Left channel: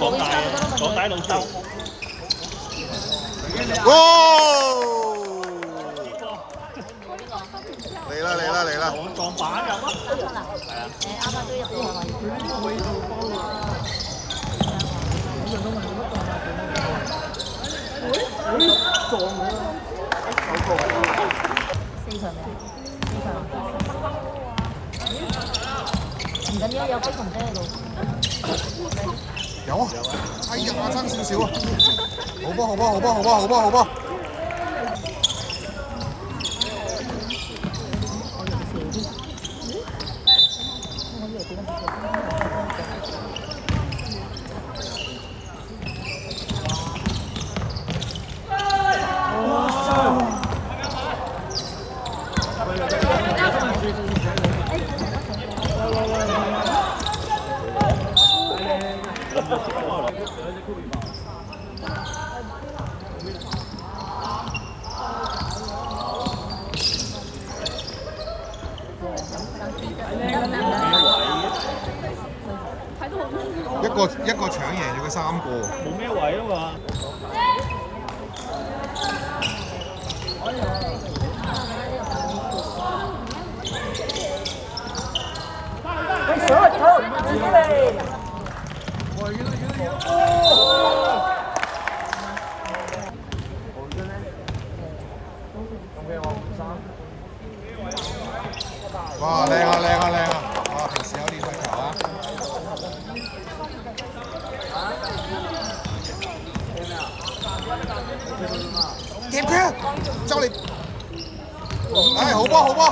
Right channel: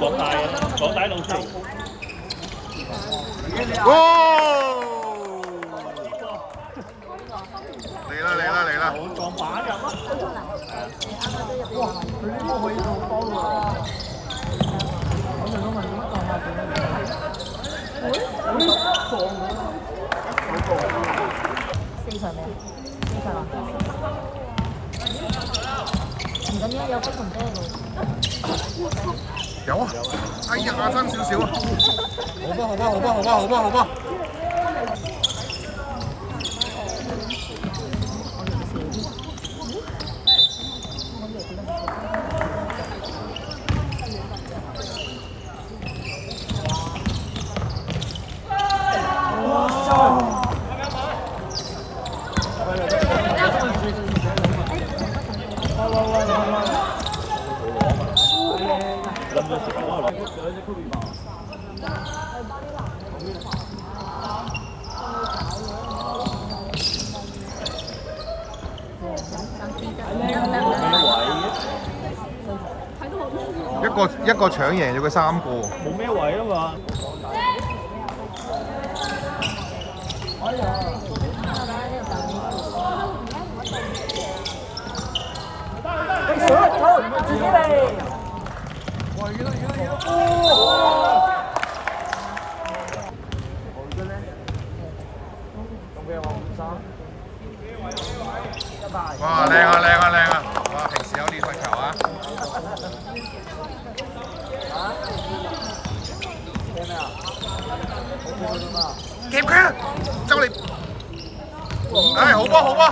港大老師嚟嘅。哇！嚟啦嚟啦嚟啦！撞板入啊！係啊！哇！佢呢個可以做波喎。四場未啊？四場啊！唔緊要，有飛蟲車喺度。有啊！哎呀，爭少少啊！好波好波好波好波好波好波！一個搶贏咗佢3個。冇咩位啊嘛。哇！靚啊靚啊靚啊！哇！平時有練佢球啊！夾佢啊！就嚟！唉，好波好波！好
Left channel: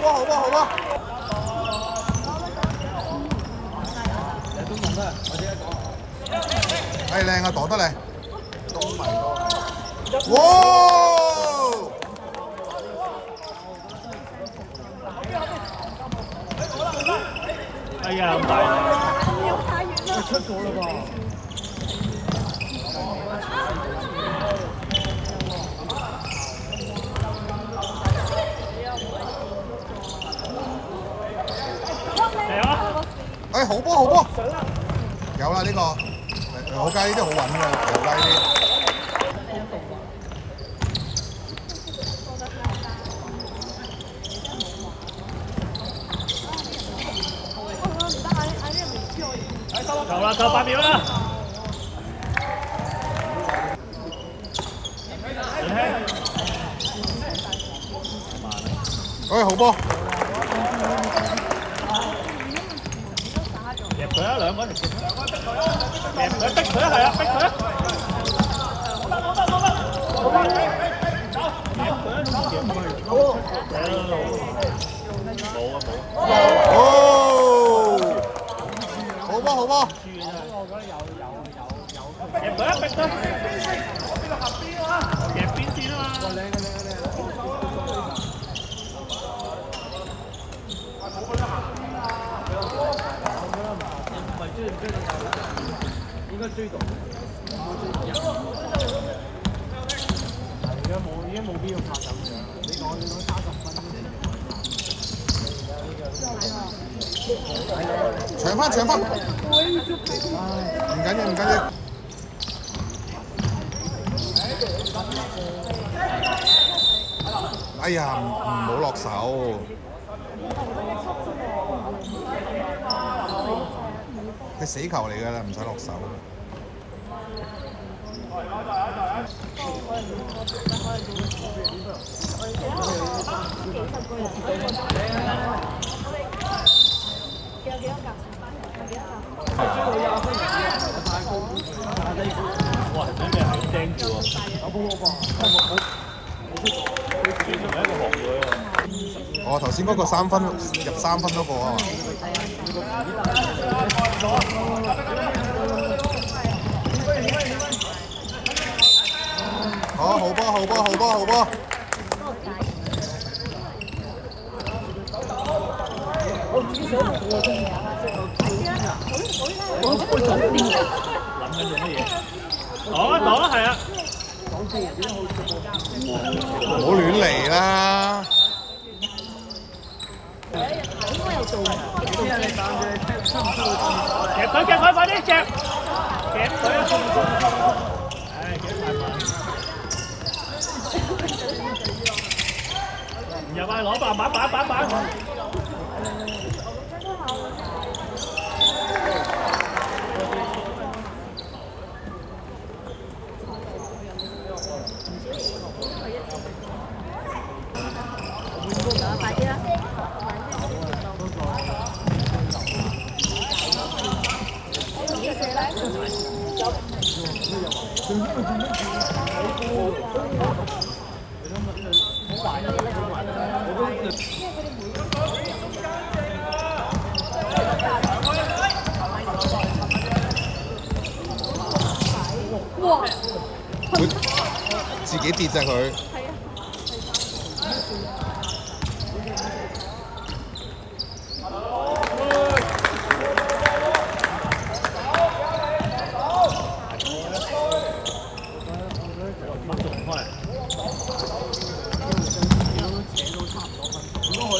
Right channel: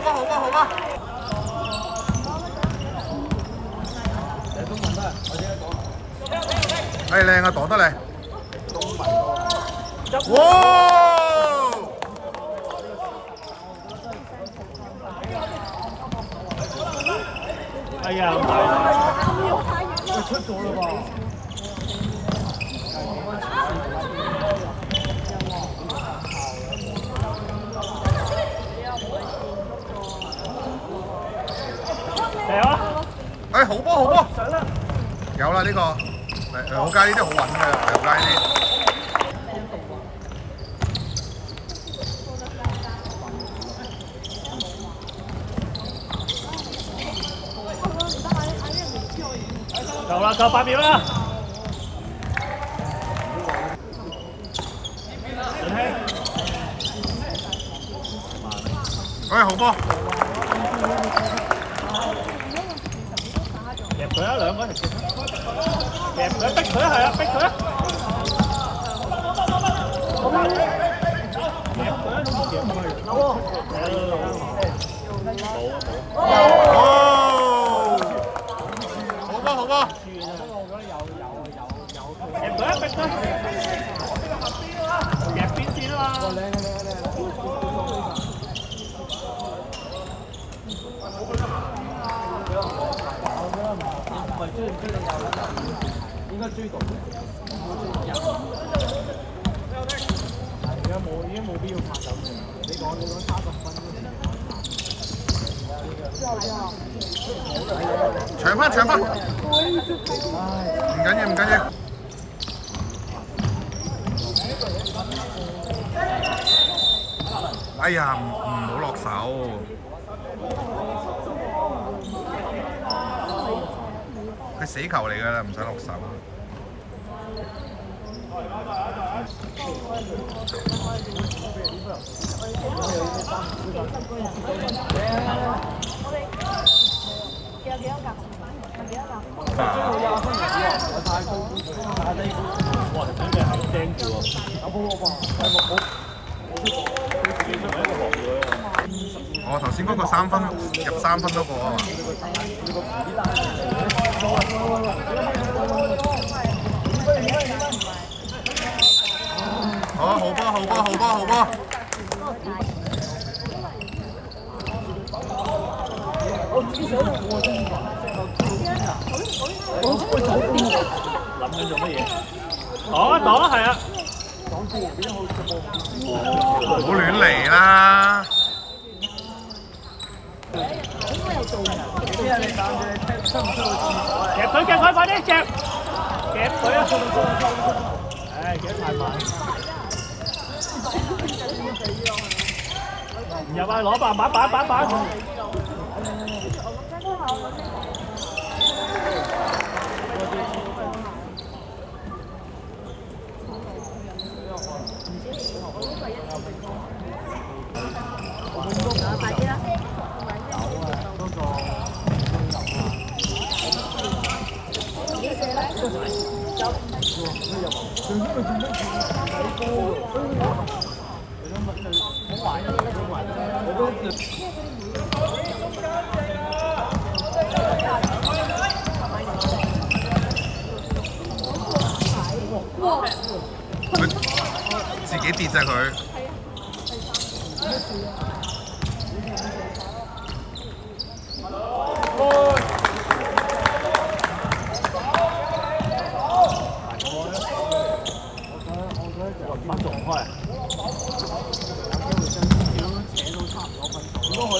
波好波好波！唉，靚啊，擋得嚟！哇！哎呀，咁大力！喂，出咗啦噃！嚟啊！哎，好波好波！有啦呢個，好街呢啲好穩嘅，好街呢啲。夠啦，夠8秒啦！哎，好波！夾佢啊，兩個人夾佢，逼佢啊，係啊，逼佢啊！哦！好波好波！夾佢啊，逼佢！夾邊線啊嘛！應該追到。已經冇必要拍手掌。你講30分搶翻搶翻！唔緊要唔緊要。哎呀，唔好落手。佢死球嚟㗎啦，唔使落手。哇！真係係釘住喎。我頭先嗰個3分入3分嗰個啊。好波好波好波好波！諗緊做乜嘢？擋啊，係啊！唔好亂嚟啦！應該有做嘅。夾佢，快啲夾！夾佢啊！唉，夾太慢。唔入啊！攞板。快啲啦！佢自己跌啫佢。幫做唔開啊！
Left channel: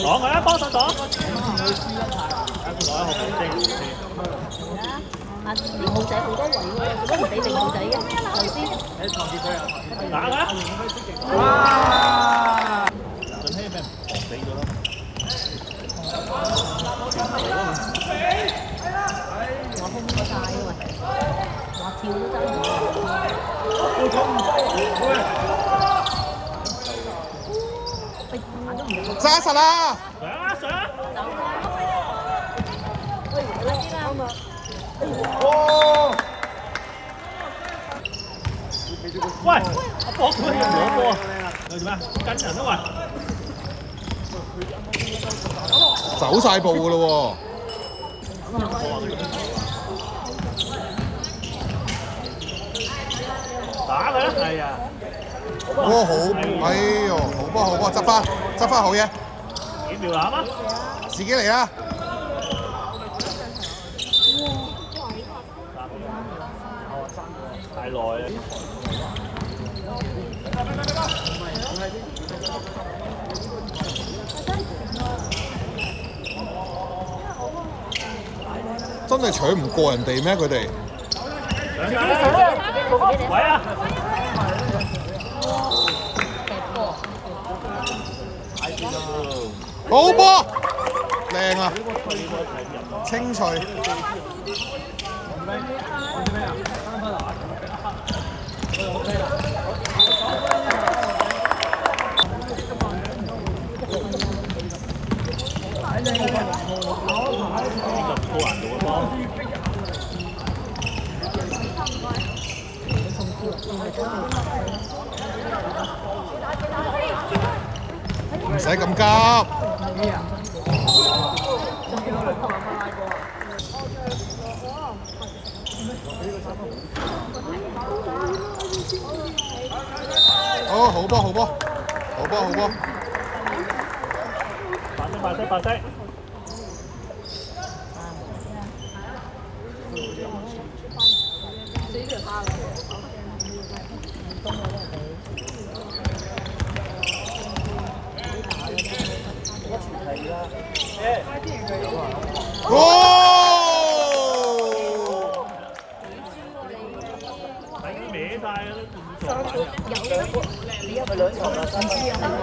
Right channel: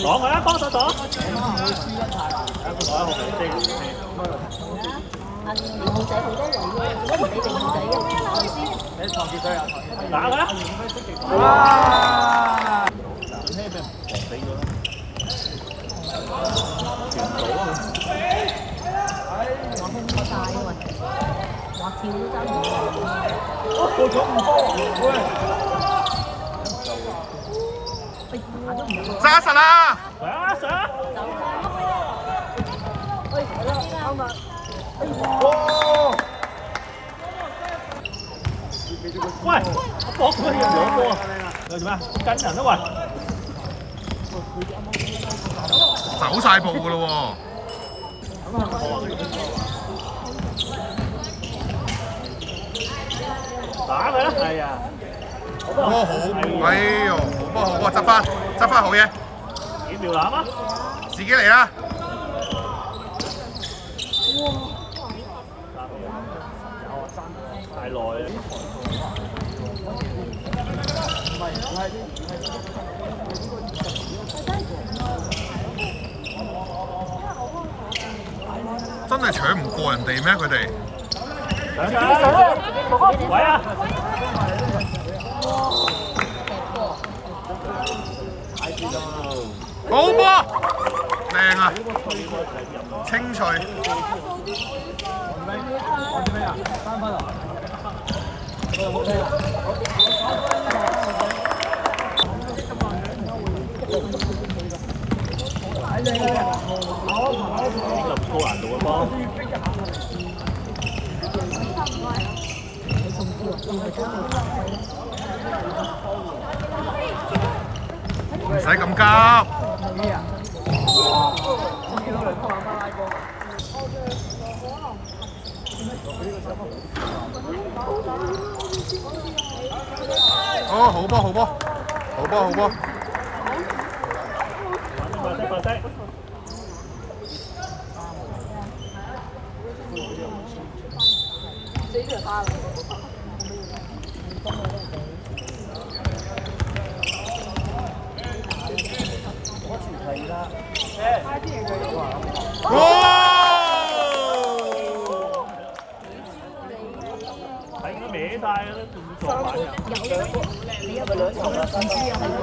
擋佢啊！幫手擋！攞一號明阿零號仔好多圍喎，做乜唔俾零號仔嘅？頭先打佢啊！順希俾人防死咗啦！傳唔到啊！話空咗晒喎，話跳都爭唔喂，打都唔入。揸實啦！上！走開！喂，啱啊！喂，阿博佢要攞波啊！你做咩？跟人啊喂！走晒步噶咯打佢啦！係啊！好，哎呦，好波，執翻好嘢，幾秒攬啊！自己嚟啦！太耐啦！真係搶唔過人哋咩？佢哋喂啊！好波，靚啊！清脆。咁高難度嘅波。唔使咁急。哦，好波！快啲！哇！睇佢歪晒啦，動作反應。你有兩場唔知啊，係喎，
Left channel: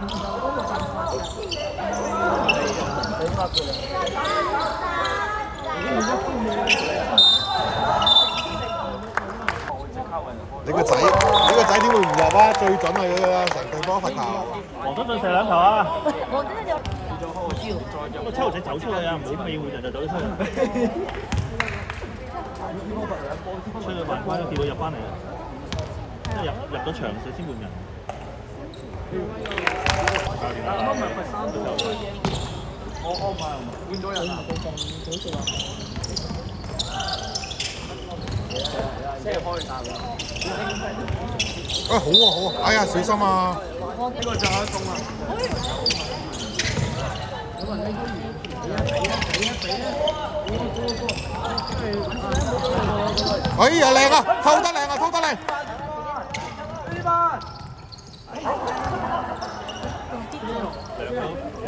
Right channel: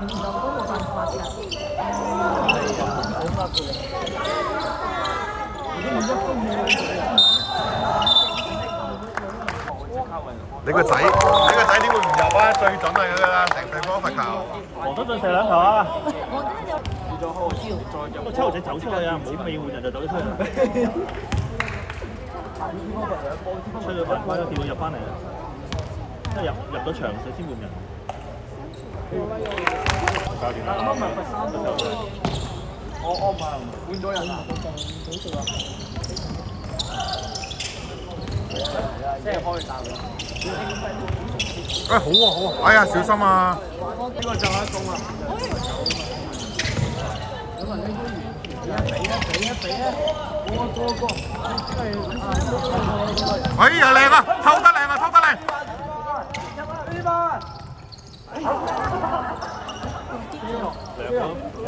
唔就都冇辦法㗎。你個仔點會唔入啊？最準係㗎啦，成地方罰球。黃德俊射兩球啊！我真係有。個七號仔走出去啊！唔好尾換人就走咗出去。吹到反關都跌到入翻嚟啦，即係入咗場先換人。教練啊！我唔係換咗人啊！好啊！哎呀，小心啊！呢個就一中啊！哎呀，靚啊！偷得靚！兩個。